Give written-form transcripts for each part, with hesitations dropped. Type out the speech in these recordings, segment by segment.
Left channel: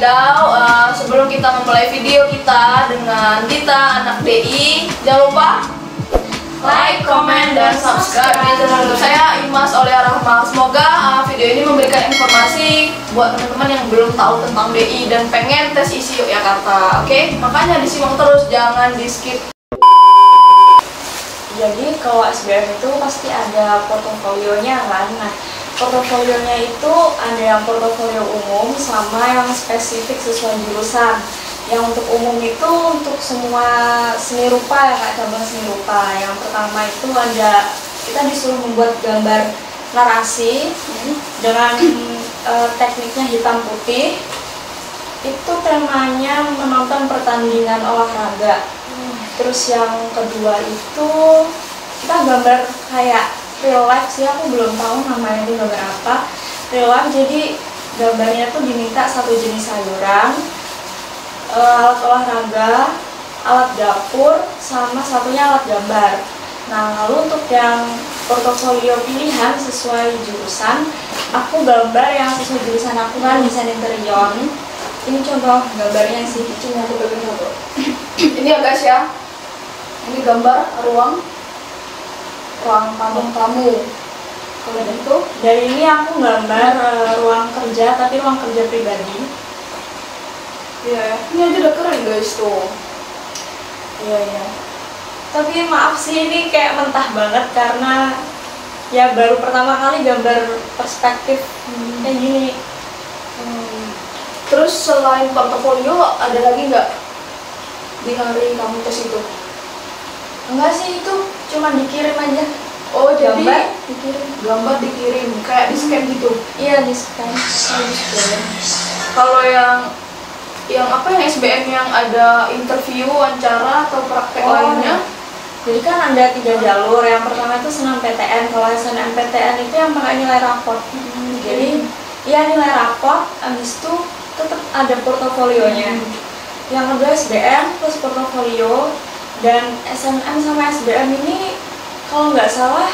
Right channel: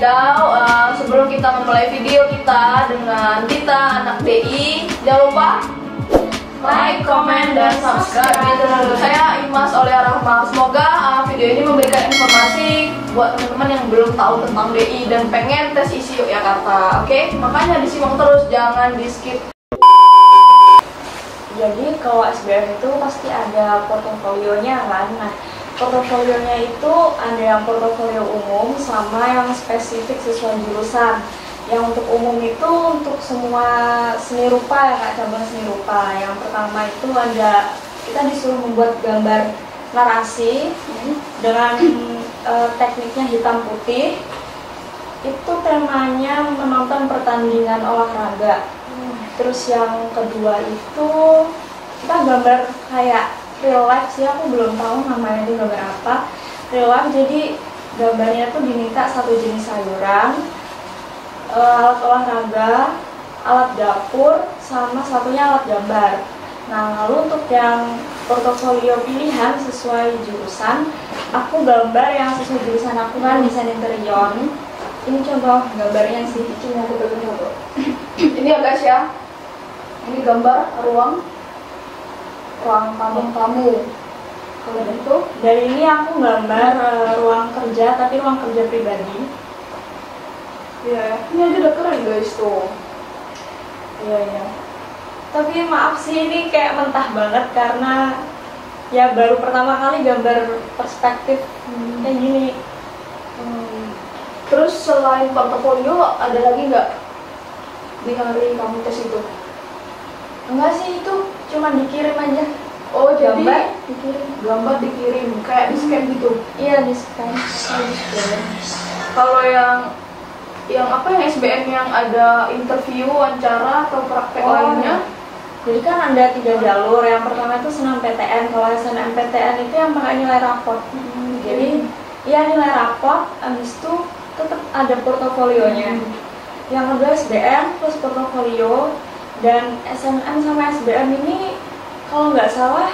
wadidaw, sebelum kita memulai video kita dengan Dita anak DI, jangan lupa like, comment, dan subscribe di channel YouTube saya Imas Aulia Rahma. Semoga video ini memberikan informasi buat teman-teman yang belum tahu tentang DI dan pengen tes isi Yogyakarta. Oke, makanya disimak terus, jangan di skip. Jadi kalau SBM itu pasti ada portofolionya kan. Nah, portofolionya itu ada yang portofolio umum sama yang spesifik sesuai jurusan. Yang untuk umum itu untuk semua seni rupa ya Kak, cabang seni rupa. Yang pertama itu ada, kita disuruh membuat gambar narasi dengan tekniknya hitam putih. Itu temanya menonton pertandingan olahraga. Terus yang kedua itu kita gambar kayak real life sih, aku belum tahu namanya itu gambar apa. Real life, jadi gambarnya tuh diminta satu jenis sayuran, alat olahraga, alat dapur, sama satunya alat gambar. Nah, lalu untuk yang portofolio pilihan sesuai jurusan, aku gambar yang sesuai jurusan aku kan, desain interior. Ini contoh gambarnya sih, cuma aku pegang satu. Ini ya guys ya, ini gambar ruang tamu. Kalau itu dari ini aku gambar ruang kerja, tapi ruang kerja pribadi. iya ya, ini aja udah keren guys tuh. Iya. Tapi maaf sih, ini kayak mentah banget karena ya baru pertama kali gambar perspektif kayak gini. Terus selain portofolio ada lagi nggak di hari kamu tes itu? Enggak sih, itu cuma dikirim aja. Oh, jadi gambar dikirim kayak di scan gitu. Iya, di scan. Kalau yang SBM yang ada interview, wawancara atau praktek lainnya? Jadi kan ada 3 jalur. Yang pertama itu SNMPTN. Kalau SNMPTN itu yang pakai nilai raport. Jadi ya nilai raport, habis itu tetap ada portofolionya. Yang kedua SBM plus portofolio, dan SNM sama SBM ini kalau nggak salah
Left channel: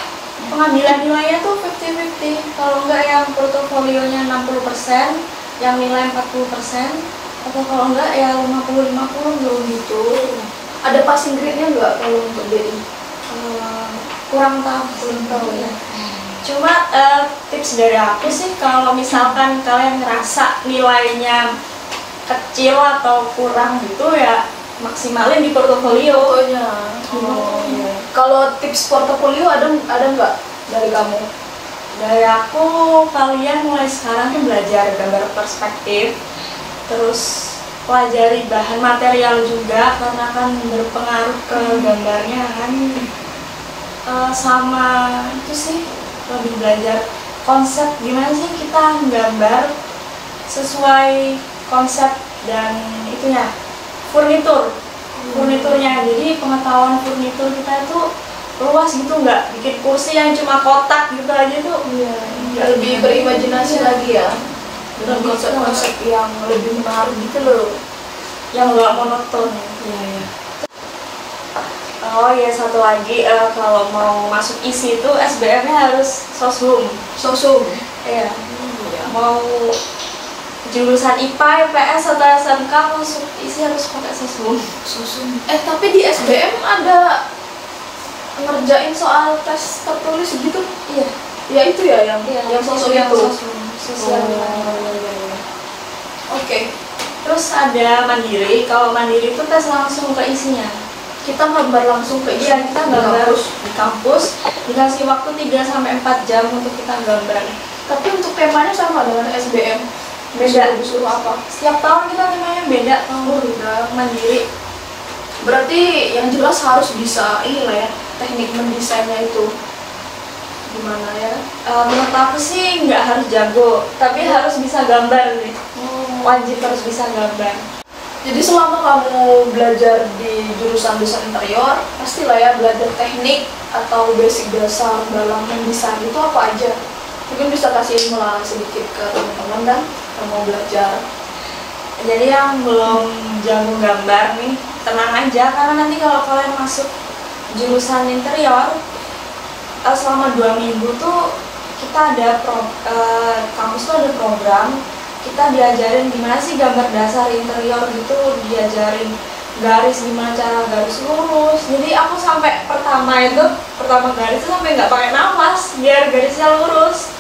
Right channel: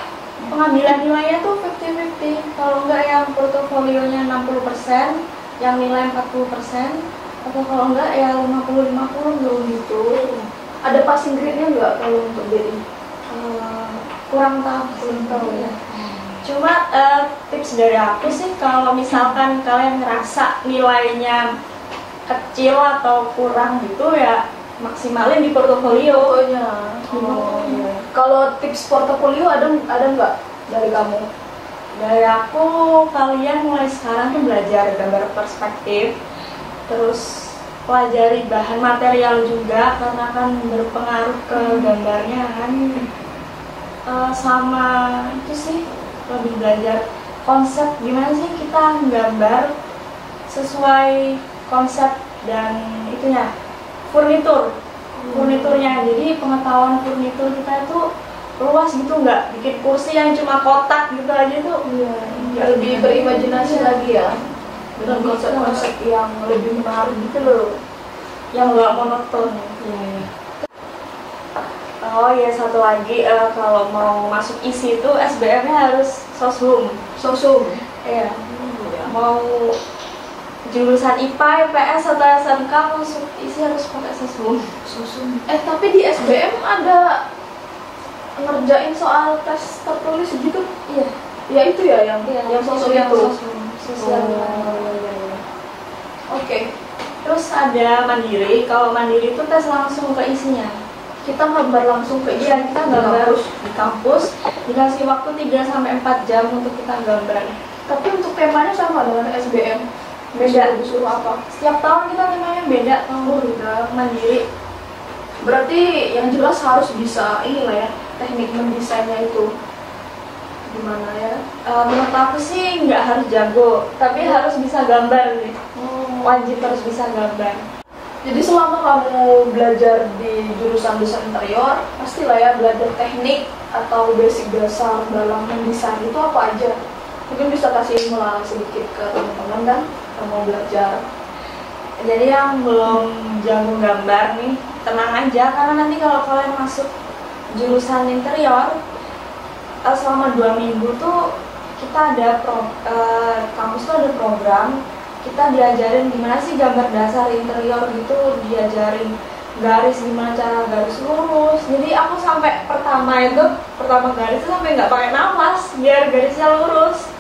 pengambilan nilainya tuh 50-50. Kalau nggak yang portofolionya 60%, yang nilai 40%, atau kalau enggak ya 50-50 gitu. Ada passing grade-nya nggak kalau untuk DI? Kurang tahu ya. Cuma tips dari aku sih, kalau misalkan kalian ngerasa nilainya kecil atau kurang gitu ya maksimalin di portofolio. Fotonya. Oh iya. Kalau tips portofolio ada nggak dari kamu? Dari aku, kalian mulai sekarang tuh belajar gambar perspektif. Terus pelajari bahan material juga karena kan berpengaruh ke gambarnya kan. Sama itu sih, lebih belajar konsep gimana sih kita gambar sesuai konsep dan itunya, furniturnya. Jadi pengetahuan furnitur kita itu luas gitu, nggak bikin kursi yang cuma kotak gitu aja tuh. Lebih berimajinasi lagi ya, dengan konsep-konsep yang lebih menarik gitu loh, yang nggak monoton. Oh iya, satu lagi, kalau mau masuk isi itu SBM-nya harus sosum. Iya. Mau jurusan IPA, IPS, atau SMK masuk isi harus pakai sosum. Tapi di SBM ada ngerjain soal tes tertulis gitu? Iya. Ya itu ya yang sosum itu. Sosial. Oke. Terus ada mandiri. Kalau mandiri itu tes langsung ke isinya. Kita gambar langsung ke isi. Iya, kita gambar di kampus. Dikasih waktu 3-4 jam untuk kita gambar. Tapi untuk temanya sama dengan SBM. Beda. Disuruh apa? Setiap tahun kita temanya beda. Beda. Mandiri. Berarti yang jelas harus bisa inilah ya, teknik mendesainnya itu gimana ya? Menurut aku sih nggak harus jago, tapi harus bisa gambar nih. Wajib harus bisa gambar. Jadi selama kamu belajar di jurusan desain interior, pastilah ya belajar teknik atau basic dasar dalam mendesain itu apa aja? Mungkin bisa kasih ilmu lah sedikit ke teman-teman dan yang mau belajar. Jadi yang belum jago gambar nih, tenang aja, karena nanti kalau kalian masuk jurusan interior, selama 2 minggu tuh kita ada kampus tuh ada program kita diajarin gimana sih gambar dasar interior gitu, diajarin garis, gimana cara garis lurus. Jadi aku sampai pertama garis itu sampai nggak pakai nafas biar garisnya lurus.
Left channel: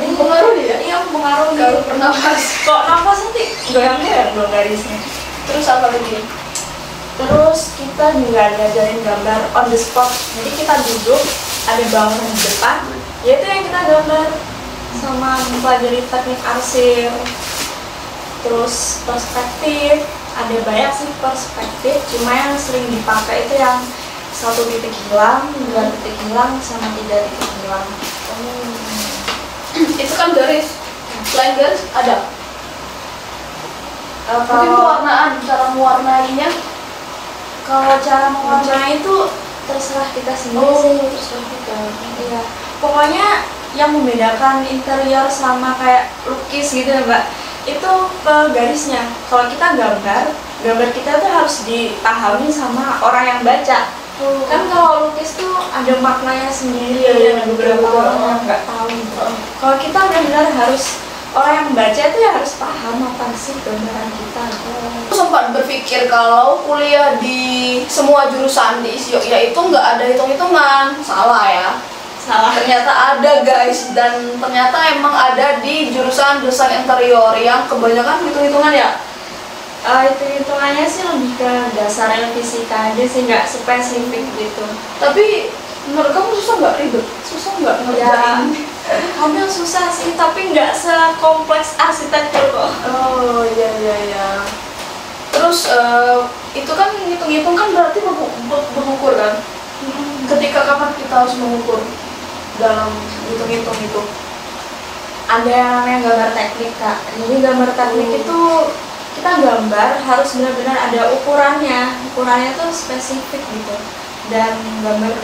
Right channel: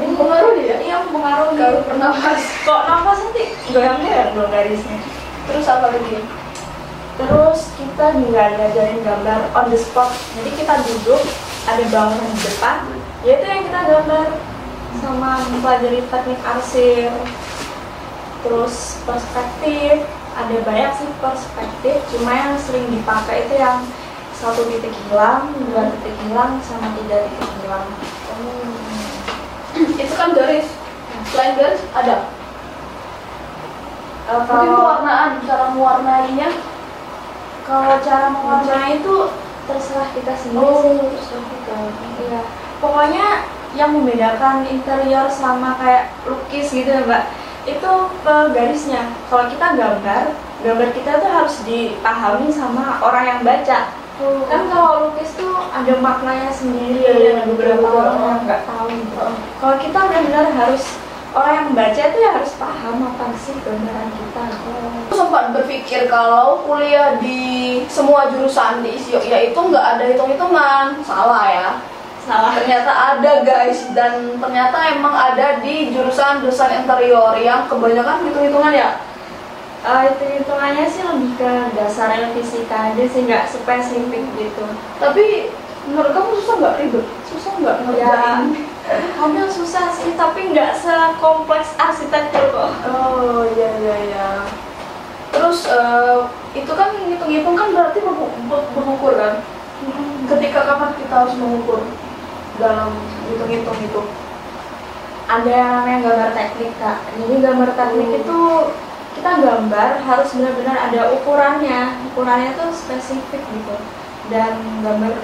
Pengaruh ya? Iya, pengaruh Kalau gitu. bernafas. Kok nafas nanti goyang-goyang dong garisnya. Terus apa lagi? Terus kita juga diajarin gambar on the spot. Jadi kita duduk, ada bangunan di depan, yaitu yang kita gambar, sama mempelajari teknik arsir. Terus perspektif, ada banyak sih perspektif, cuma yang sering dipakai itu yang 1 titik hilang, 2 titik hilang, sama 3 titik hilang. Itu kan garis. Selain garis ada. Mungkin Kalau cara mewarnainya. cara mewarnai itu terserah kita sendiri sih. Terserah kita. Iya, pokoknya yang membedakan interior sama kayak lukis gitu ya Mbak, itu garisnya. Kalau kita gambar kita tuh harus dipahami sama orang yang baca. Kan kalau lukis tuh ada maknanya sendiri, Iya, ada beberapa orang betul. yang nggak tahu gitu. Kalau kita benar-benar harus, orang yang baca itu ya harus paham apa sih gambaran kita. Aku sempat berpikir kalau kuliah di semua jurusan di ISIOK ya itu nggak ada hitung-hitungan. Salah ya. Salah. Ternyata ada guys, dan ternyata emang ada di jurusan desain interior yang kebanyakan hitung-hitungan ya. Itu hitungannya sih lebih ke dasarnya fisika aja sih, nggak spesifik gitu. Tapi menurut kamu susah nggak, ribet? Susah nggak ngerjain? Kadang susah sih, tapi nggak sekompleks arsitektur kok. Oh iya. Terus itu kan hitung-hitung kan berarti mengukur kan? Ketika kapan kita harus mengukur dalam hitung-hitung itu? Ada yang namanya gambar teknik Kak. Jadi gambar teknik itu kita gambar harus benar-benar ada ukurannya tuh spesifik gitu. Dan gambar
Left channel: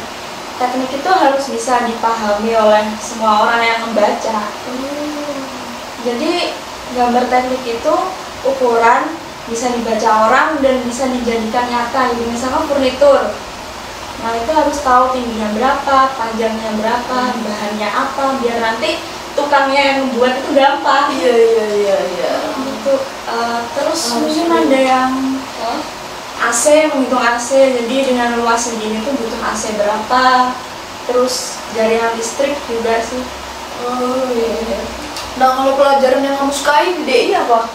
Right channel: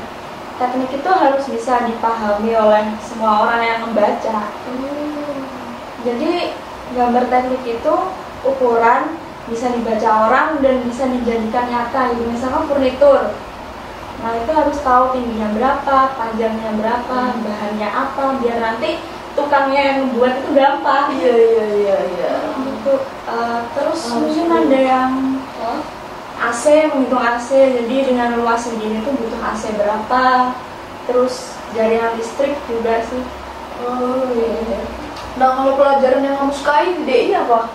teknik itu harus bisa dipahami oleh semua orang yang membaca. Jadi gambar teknik itu ukuran bisa dibaca orang dan bisa dijadikan nyata. Jadi misalkan furnitur, nah itu harus tahu tingginya berapa, panjangnya berapa, bahannya apa, biar nanti tukangnya yang membuat itu gampang. Iya. Gitu. Terus mungkin ada yang AC, menghitung AC, jadi dengan luas segini tuh butuh AC berapa. Terus jaringan listrik juga sih. Oh iya. Nah kalau pelajaran yang kamu sukai di DI apa?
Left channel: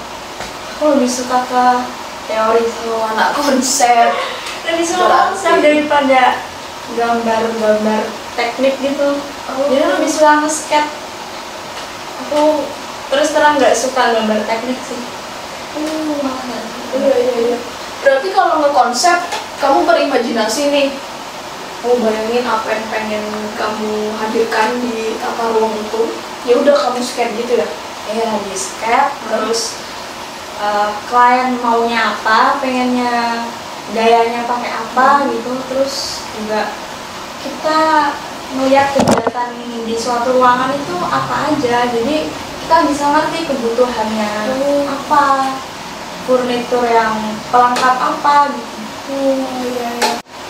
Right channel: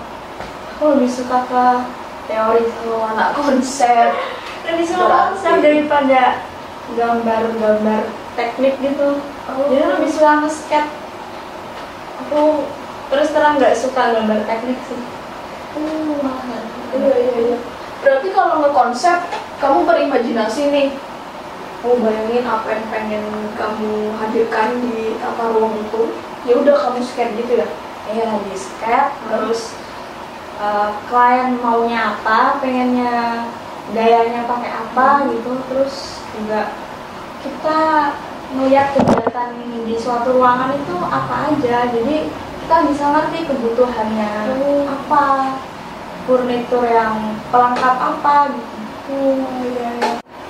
Aku lebih suka ke teori. Anak konsep. Lebih suka konsep daripada gambar-gambar teknik gitu. Jadi lebih suka nge-sketch. Aku terus terang nggak suka gambar teknik sih. Iya. Berarti kalau ngekonsep, kamu berimajinasi nih. Mau bayangin apa yang pengen kamu hadirkan di tata ruang itu. Ya udah kamu sketch gitu ya. Iya, di sketch. Terus klien maunya apa, pengennya gayanya pakai apa gitu. Terus juga kita melihat kegiatan di suatu ruangan itu apa aja, jadi kita bisa ngerti kebutuhannya apa, furnitur yang pelengkap apa gitu.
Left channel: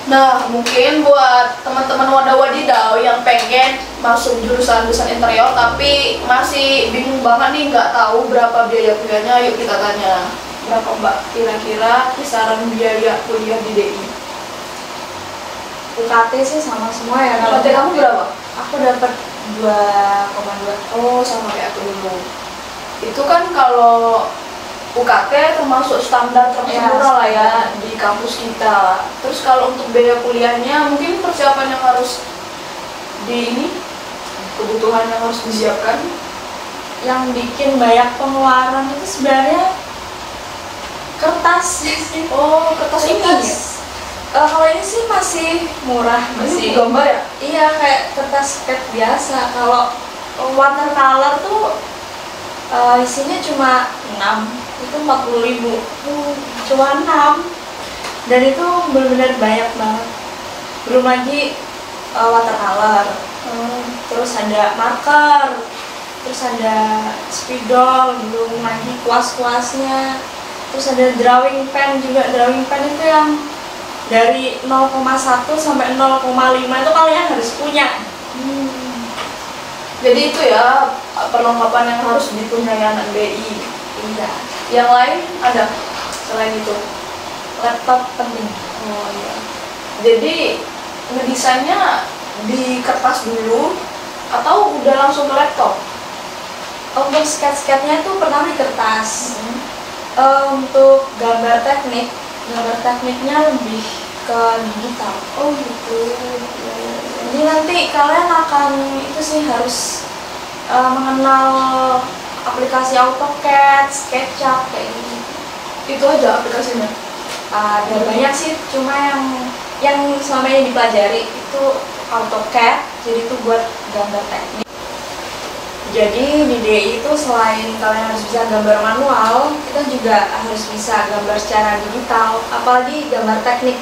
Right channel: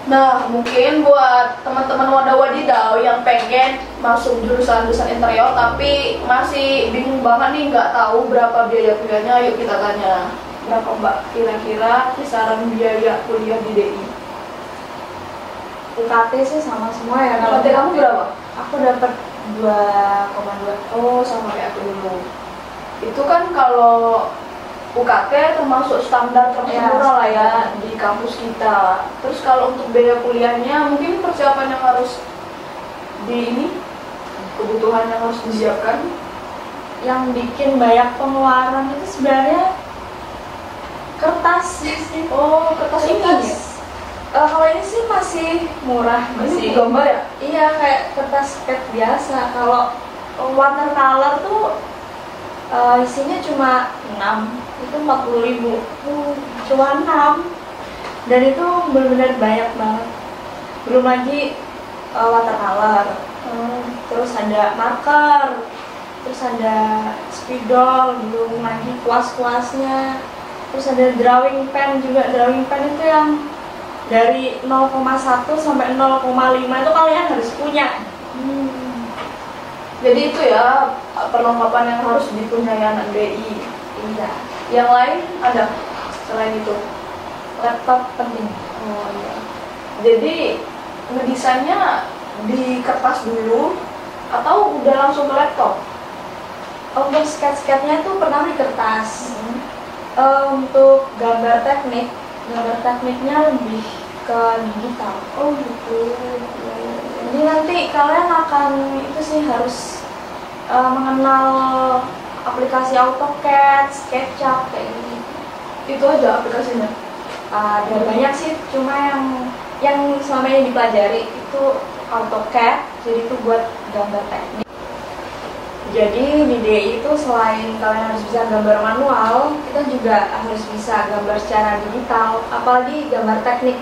Nah, mungkin buat teman-teman wadah wadidaw yang pengen masuk jurusan desain interior tapi masih bingung banget nih, nggak tahu berapa biaya kuliahnya, yuk kita tanya. Berapa Mbak kira-kira kisaran biaya kuliah di DI? UKT sih sama semua ya. UKT kamu berapa? Aku dapat 2,2. Oh, sama kayak aku dulu. Itu kan kalau UKT termasuk standar murah lah ya di kampus kita. Terus kalau untuk biaya kuliahnya mungkin persiapan yang harus kebutuhan yang harus disiapkan. Yang bikin banyak pengeluaran itu sebenarnya kertas sih. Oh, kertas ini ya? Kalau ini sih masih murah, masih gambar ya? Iya, kayak kertas sketch biasa. Kalau watercolor tuh isinya cuma 6, itu 40.000. Cuma 6. Dan itu benar-benar banyak banget. Belum lagi watercolor. Terus ada marker, terus ada spidol, belum lagi kuas-kuasnya. Terus ada drawing pen juga. Drawing pen itu yang dari 0,1 sampai 0,5 itu kalian harus punya. Jadi itu ya perlengkapan yang harus dipunyai anak BI. Iya. Yang lain ada selain itu? Laptop penting. Oh iya. Jadi ngedesainnya di kertas dulu atau udah langsung ke laptop? Untuk sketch-sketchnya itu pertama di kertas. Untuk gambar tekniknya lebih ke digital. Oh gitu. Jadi nanti kalian akan itu sih harus mengenal aplikasi AutoCAD, SketchUp kayak gitu. Itu aja aplikasinya. Ada banyak sih, cuma yang selama ini dipelajari itu AutoCAD, jadi itu buat gambar teknik. Jadi di DI itu selain kalian harus bisa gambar manual, kita juga harus bisa gambar secara digital, apalagi gambar teknik.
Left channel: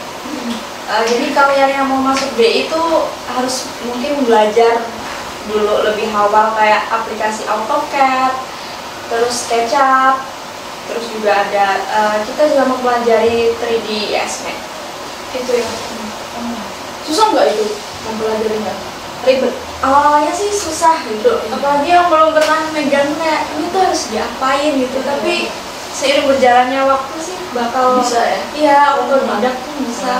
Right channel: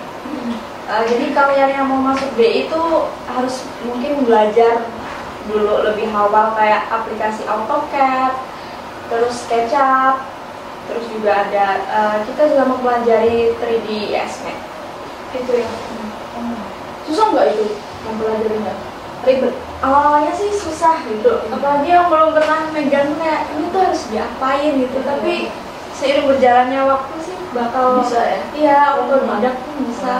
Jadi kalian yang mau masuk DI itu harus mungkin belajar dulu lebih awal kayak aplikasi AutoCAD, terus SketchUp, terus juga ada kita juga mempelajari 3D Estimate. Itu ya. Susah nggak itu mempelajarinya? Ribet? Awalnya sih susah gitu, apalagi yang belum pernah megangnya ini tuh harus diapain gitu. Tapi seiring berjalannya waktu sih bakal Bisa ya? Iya, otodidak tuh bisa.